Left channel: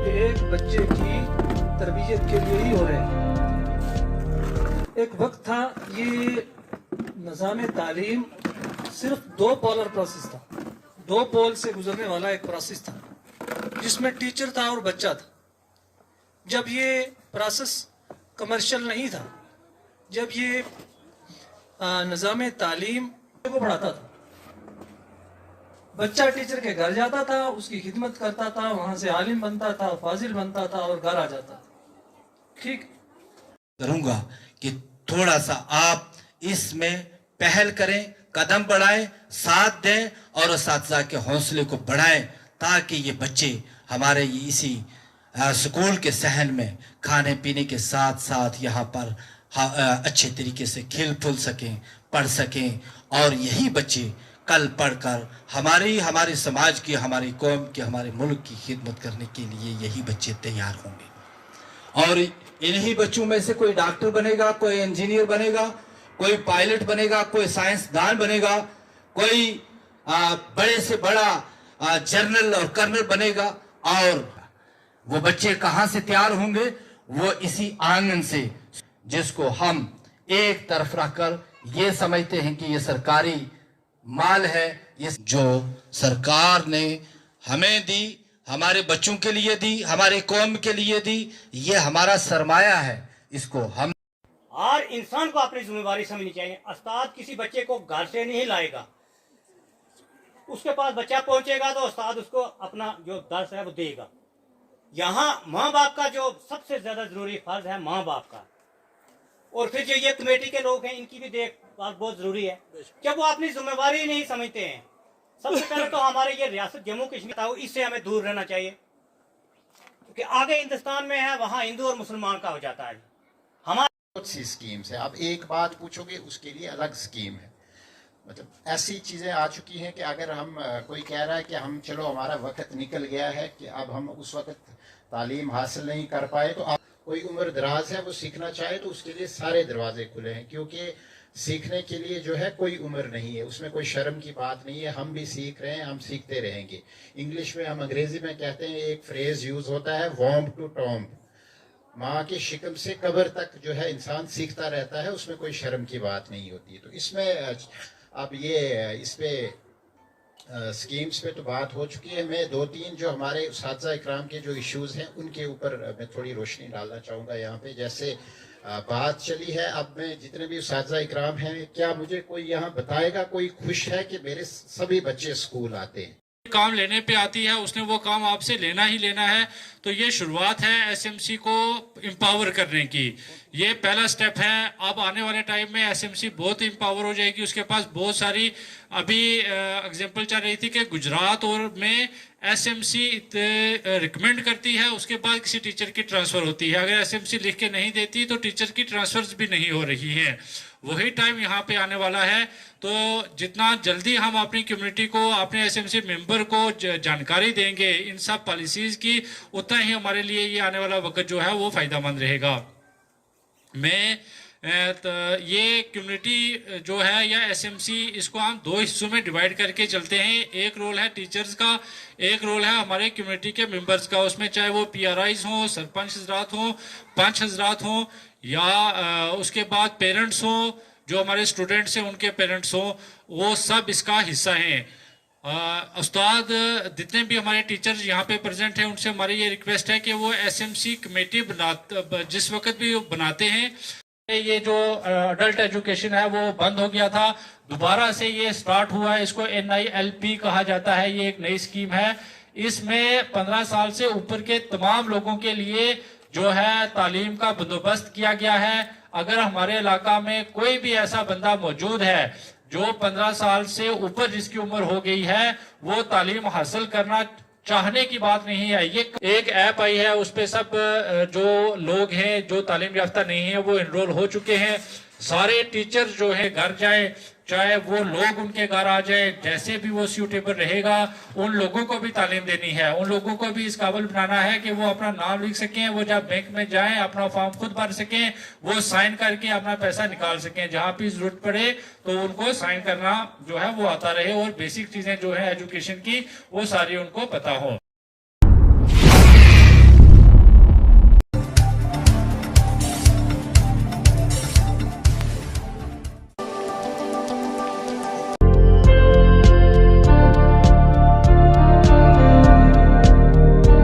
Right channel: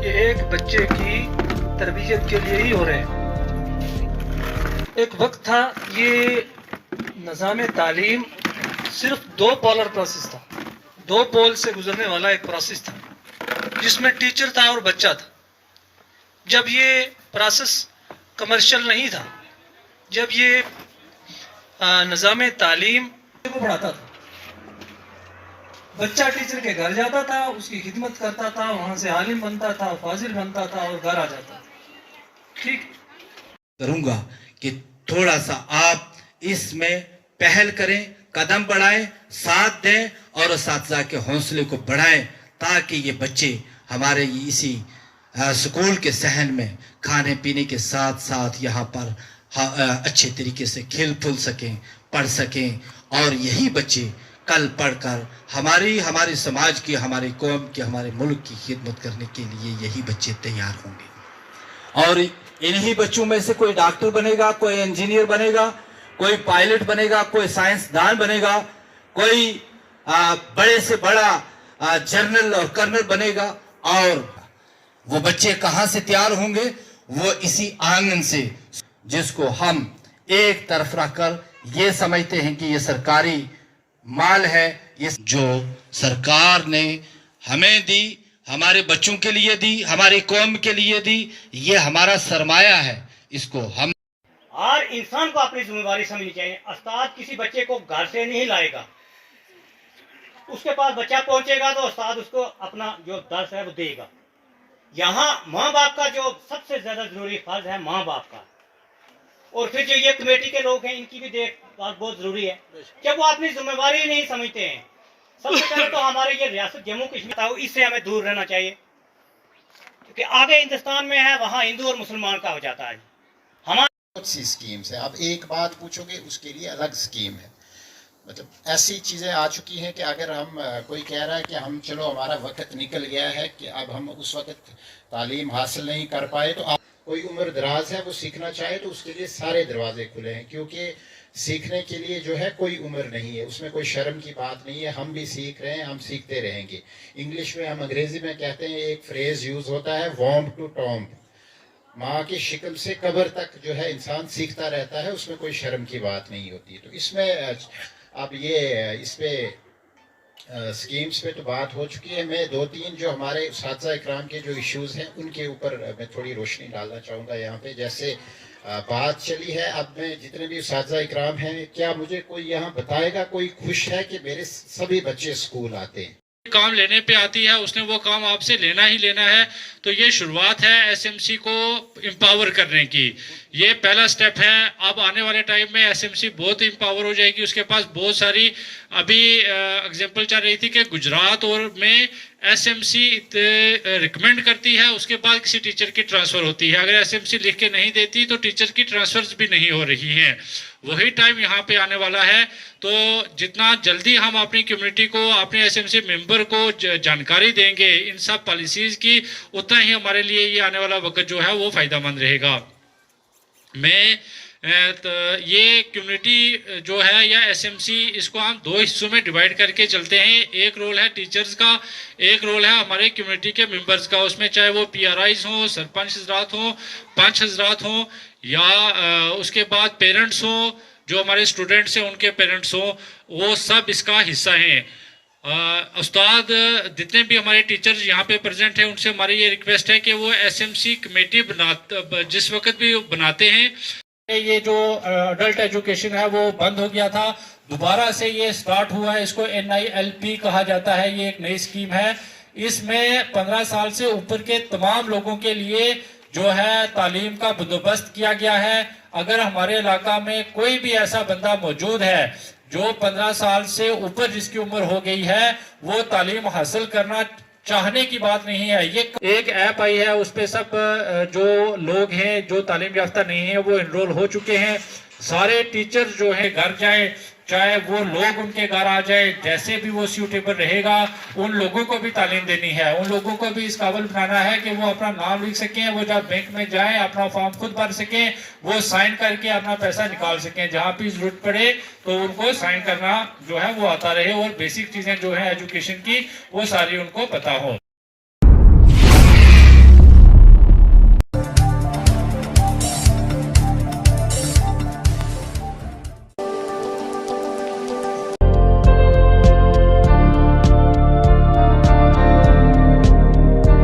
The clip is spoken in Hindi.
एक बच्चे की तरबियत के लिए ही हो रहे हैं। एक वक्त था ये निज़ाम तालीम सिर्फ दो पोलर प्रोसेस था, दो पोल से गुजरने वाला एक प्रोसेस था जिसमें टीचर था और बच्चा था। जब ये प्रोसेस कमर्शियल नहीं था, जब ये निज़ाम तालीम को पढ़ाता था, बच्चा टीचर के घर जाता था, उसकी खिदमत करता था, वहां से आलिम बनता था, फाजिल बनता था और घर आ जाता था। ठीक करूंगा कि थोड़ा सा आप इसमें पहल करें, कदम बढ़ाएं, साथ दें और असातिज़ा के हौसले को बढ़ाएं ताकि ये बच्चे हमारे इसी स्कूल के सहन में खाने पीने के साथ साथ यहाँ पर अच्छे तरीके से खेल फूल सकें, पढ़ सकें और यही बच्चे कल पढ़कर हमारे समाज की, हमारे कौम की, हमारे मुल्क की खिदमत करने के लिए यही बच्चे तैयार होंगे। और इन्हीं बच्चों में से कोई डॉक्टर बनेगा, कोई इंजीनियर बनेगा, कोई पायलट बनेगा, कोई साइंसदान बनेगा, कोई बड़े से बड़ा जनरल और कर्नल बनेगा। और वो बच्चे कहाँ से तैयार होंगे? वो इसी आंगन से, जिसको हम एक तरफ रखकर ये समझते हैं कि ये सरकारी माल है, ये जो सरकार ने हमें दी, हमारे बच्चों के लिए दी, हमारी कौम के लिए दी, ये हमारा सरमाया है। इसको हम हर इंसान को अपनी जिम्मेवारी समझनी चाहिए। उस्ताद किसी बच्चे को घर से नहीं लाएगा, उसके पास बच्चा पहुंचेगा तो उस्ताद उसको अपना जो दर्स है वो देगा। यहाँ माँ बाप का जो सबसे ज्यादा जरूरी फर्ज है, माँ बाप का। और फिर जो ये कमेटी के लोग हैं, इनकी भी देखभाल बहुत जरूरी है। जब वो अपनी जिम्मेवारी नहीं समझते हैं, सबसे पहले तो हमारे ये रियासत जम्मू कश्मीर, इससे हमें दूर रहना चाहिए, क्योंकि आगे हिंदुस्तान में है, वहाँ हिंदू और मुसलमान का हो जाता है। हमारे बहुत सी स्कीम्स है, आप एक बात पूछोगे उसके लिए अलग स्कीम है। मतलब ऐसी चीज़ें आ चुकी हैं कि अगर हम कोई कह रहा है कि हम चलो हमारा वक्त निकल गया है कि अब हम उस वक्त तालीम हासिल नहीं कर पाए, तो आप कोई उम्र दराज है वो सीखना चाहे तो उसके लिए सारे दरवाजे खुले हैं, क्योंकि सीखने के लिए जो है कोई उम्र नहीं है, उसमें कोई शर्म की बात नहीं है। हम भी सीख रहे हैं, हम सीखते रहेंगे। इंग्लिश में, हम अंग्रेजी में कहते हैं, एक फ्रेज यूज होता है, वॉम्ब टू टॉम्ब। माँ की शिक्ल से कब्र तक जो है इंसान सीखता रहता है, उसमें कोई शर्म की बात नहीं होती। तो इसमें अब ये इस पे स्कीम्स पे तो बात हो चुकी है। मैं दो तीन जो हमारे उस्ताद इकराम के जो इश्यूज हैं उनके ऊपर मैं थोड़ी रोशनी डालना चाहूँगा यहाँ पे। जैसे बात चली है, अब मैं जितने भी उस्ताद इकराम हैं, क्या मुझे कोई यहाँ बताएगा, कोई खुश है कि मेरे सभी बच्चे स्कूल आते हैं? काम लेने पे आती है, उसने वो काम आपसे लेना ही लेना है। तो ये शुरुआत है एसएमसी को एम्पावर करने की, ये पहला स्टेप है। अब आने वाले टाइम में एसएमसी बहुत एम्पावर हो जाएगी, उसके पास बहुत सारी, अभी एग्जांपल चल रही थी कि गुजरात और में एसएमसी रिकमेंड करती है, उसके बाद किसी टीचर की ट्रांसफ़र होती है। अगर एसएमसी लिख के नहीं देती तो टीचर की ट्रांसफर्स भी नहीं हो रही हैं। वही टाइम यहाँ पे आने वाला है। तो जितना जल्दी हम अपनी कम्युनिटी को, अपने एसएमसी मेंबर को जानकारी देंगे इन सब पॉलिसीज़ की, उतना ही हमारे लिए ये आने वाला वक्त जो है वो फ़ायदेमंद रहेगा। मैं तो ये कम्युनिटी जो है या एसएमसी, इसको हम दो हिस्सों में डिवाइड करके चलते हैं। एक रोल है टीचर्स का, एक रोल है हमारे कम्युनिटी के मेंबर्स का। उसमें चाहे वो पीआरआईज हों, सरपंच हजरात हों, पंच हजरात हों, या उसके बाद पेरेंट्स हों, जो हमारे स्टूडेंट्स हैं उनके पेरेंट्स हों, वो सब इसका हिस्सा हैं। उस्ताद जितने भी हमारे टीचर्स यहाँ पे प्रेजेंट हैं, उनसे हमारी ये रिक्वेस्ट है कि वो एसएमसी कमेटी जिस वक्त भी बनाते हैं, ये जो अडल्ट एजुकेशन है वो बंद हो गया था, दोबारा से ये स्टार्ट हुआ है। इसको NILP कहा जाता है। ये एक नई स्कीम है। इसमें 15 साल से ऊपर के तमाम लोगों के लिए जो है तालीम का बंदोबस्त किया गया है। अगर हमारे इलाका में कोई भी ऐसा बंदा मौजूद है जो 15 साल से ऊपर जिसकी उम्र हो गई है, वो तालीम हासिल करना चाहने की बात नहीं है। ये एक ऐप आई है, उस पे सब जो लोग हैं जो तालीम याफ्ता नहीं है वो एनरोल हो चुके हैं। सारे टीचर जो है घर जाए, चाहे वो लोग उनके घर आ जाए, जैसे भी वो सूटेबल रहेगा, उन लोगों को भी तालीम देनी है। उन लोगों को भी इस काबिल बनाना है कि वो अपना नाम लिख सकें, वो जब बैंक में जाएं अपना फॉर्म खुद भर सकें, वो साइन करके अपना पैसा निकाल सकें। जहाँ भी जरूरत पड़े तो उनको साइन करना जो है वो आता रहे, और बेसिक चीजें जो है एजुकेशन की वो सारी उनको पता हो।